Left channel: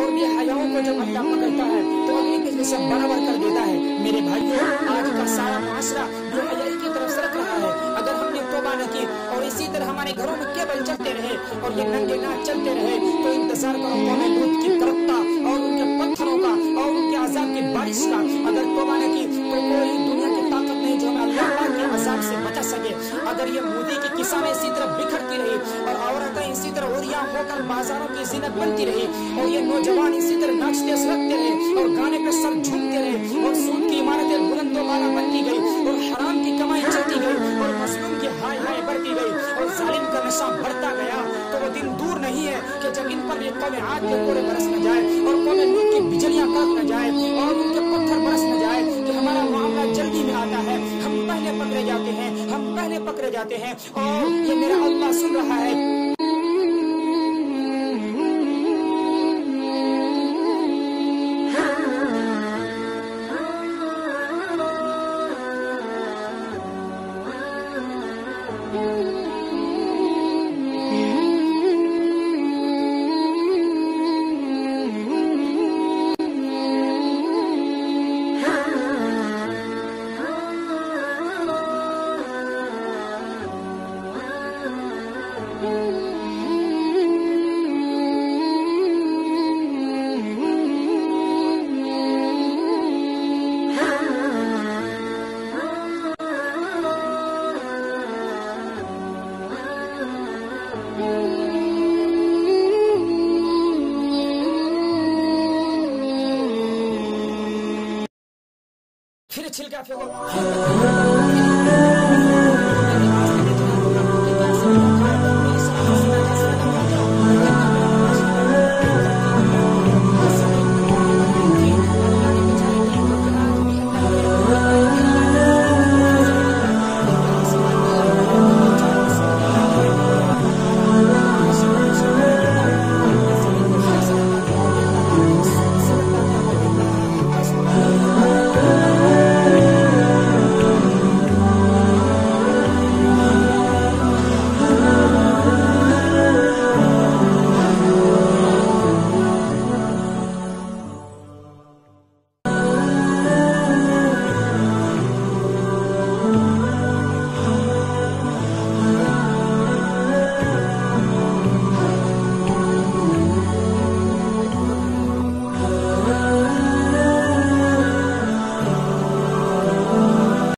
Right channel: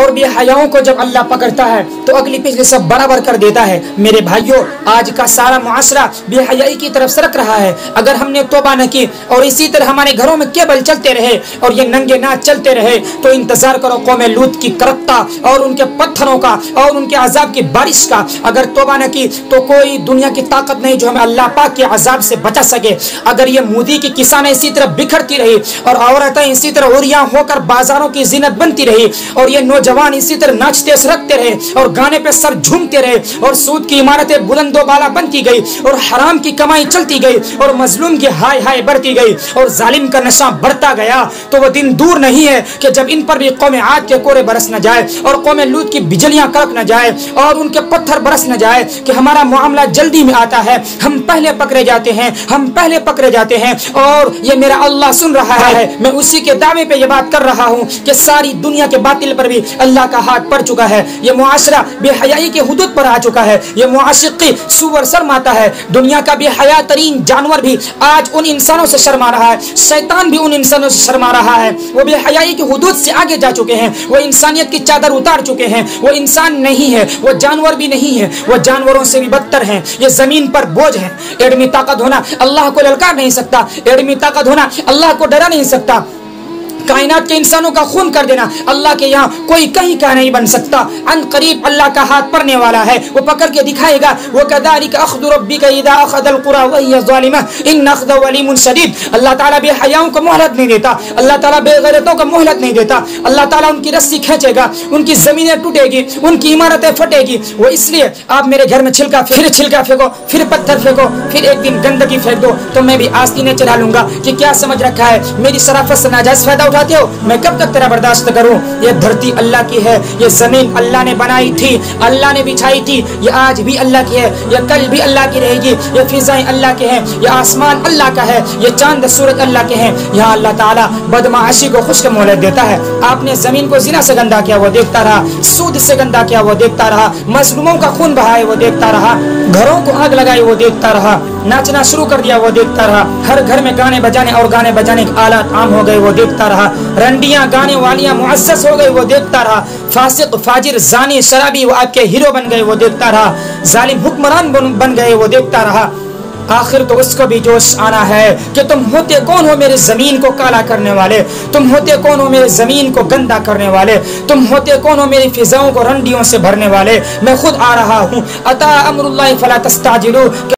اور بے حیاؤں کو جب اللہ پکڑتا ہے تو اگلی پچھلی سب برابر کر دیتا ہے۔ میرے بھائیوں، آج کا سارا معاشرہ بے حیائی کی طرف سرک رہا ہے۔ اگر ہم نے توبہ نہ کی اور اسی طرح ہمارے گھروں میں کیبل چلتے رہے اور یہ ننگے ناچ چلتے رہے تو انتظار کرو قوم لوط کی کرپتا اور ان کے پتھروں کا اور ان کے عذاب کی بارش کا۔ اگر توبہ نہ کی تو کوئی دنیا کی طاقت نہیں جو ہمیں اللہ پاک کے عذاب سے بچا سکے۔ اگر یہ مودی کی کسانیں اسی طرح بکھرتی رہی اور عورتیں اسی طرح عریاں ہو کر بازاروں کی زینت بنتی رہی اور یہ نوجوان اسی طرح ناچتے سرکتے رہے اور گانے پہ سر جھومتے رہے اور سود کی عمارتیں بلند و بالا بنتی گئی اور حرام کی کمائی چلتی گئی اور مظلوم کی ہائے ہائے بڑھتی گئی اور ظالم کا نشہ بڑھتا گیا، تو وہ دن دور نہیں ہے کہ جب ان پر بھی قوم عاد کے کورے برس نہ جائے اور قوم لوط کی بجلیاں کڑک نہ جائے اور ان کے پتھر برس نہ جائے کہ ہمارا معاملہ جلدی میں آتا ہے، ہم پہلے پکڑے جاتے ہیں، ہم پہلے پکڑے جاتے ہیں اور یہ میرا اللہ سن رہا ہے۔ میں اسی کے دعوے پہ یہ بات کر رہا ہوں کہ ساری دنیا کے باطل پر بھی اللہ کا ہاتھ پڑ چکا ہے۔ یہ معاشرہ بے حیائی کے حدود پر آ چکا ہے، یہ معاشقی سور شرماتا ہے۔ دنیا کا بے حیا ترین جانور بھی آج ان انسانوں سے شرما رہا ہے، شیطان بھی ان انسانوں سے شرما رہا ہے۔ وہ بے حیائی کی حدود سے آگے جا چکے ہیں، وہ انسانیت کی چادر اتار چکے ہیں، وہ انسان نہیں ہے، وہ جانور بھی نہیں ہے، وہ جانوروں سے بھی بدتر ہیں۔ یہ زمین پر بوجھ ہے۔ ایڈمی طاقت ہونا اللہ کو للکار نہیں سکتا، ایڈمی طاقت ہونا اللہ کو ڈرا نہیں سکتا، کائنات کے انسانوں کا خون کر دینا اللہ کے یہاں کوئی کہیں کا نہیں بن سکتا۔ ان قریب اللہ کا ہاتھ پڑنے والا ہے، وہ پکڑ کے دکھائے گا۔ وَكَذَلِكَ أَخْذُ رَبِّكَ إِذَا أَخَذَ الْقُرَى وَهِيَ ظَالِمَةٌ إِنَّ أَخْذَهُ أَلِيمٌ شَدِيدٌ۔ اللہ تعالیٰ بے حیاؤں کو مہلت نہیں دیتا، اللہ تعالیٰ بے غیرتوں کو مہلت نہیں دیتا۔ اللہ تعالیٰ ان کی رسی کھینچے گا، ان کی زمینیں ٹوٹے گی، ان کی عمارتیں پھٹے گی۔ وہ اس لیے آپ میرے گھر میں چھلکا پھینکو، پھر پتھر پھینکو، پھر ایک دن گندگی پھینک دو تو میں بھی آستینیں چلا لوں گا کہ کیا سمجھ رکھا ہے، میری شرافت سے ناجائز فائدہ اٹھاتے ہو، میں کب تک تیرا برداشت کروں؟ یہ دھرتی اللہ کی ہے، یہ زمین اللہ نے بنائی تھی، اللہ نے بچھائی تھی، یہ آج بھی اللہ کی ہے، یہ کل بھی اللہ کی رہے گی، یہ فضائیں اللہ کے ہیں، یہ آسمان اللہ کا ہے، یہ چاند سورج اللہ کے ہیں۔ یہاں اللہ تعالیٰ بدمعاشی کو خشک مہلت دیتا ہے۔ آپ نے زمین کو زنا سے گندا کیا، وہ دیکھتا رہا، سود سے گندا کیا، وہ دیکھتا رہا، مظلوموں کا خون بہائے، وہ دیکھتا رہا، گھروں کو آگ لگائی، وہ دیکھتا رہا، ناچنا شروع کر دیا، وہ دیکھتا رہا، ہر گھر میں گانے بجانے اور گانے بجانے کے آلات عام ہو گئے، وہ دیکھتا رہا، رنڈیاں گانے والیاں مؤسس ہو گئی، وہ دیکھتا رہا، فاسق فاجر زانی شرابی وہ آپ کے ہیرو بن گئے، وہ دیکھتا رہا، ظالم حکمران بن گئے، وہ دیکھتا رہا۔ آخر تو اس کو بھی جوش آنا ہے کہ تم ہوتے کون ہو میرے زمین کو کالا کرنے والے، تم ہوتے کون ہو میرے زمین کو گندا کرنے والے، تم ہوتے کون ہو میری فضاؤں کو رنڈیوں سے بھرنے والے۔ میں خود آ رہا ہوں، اتا امر اللہ فلا تستعجلوا۔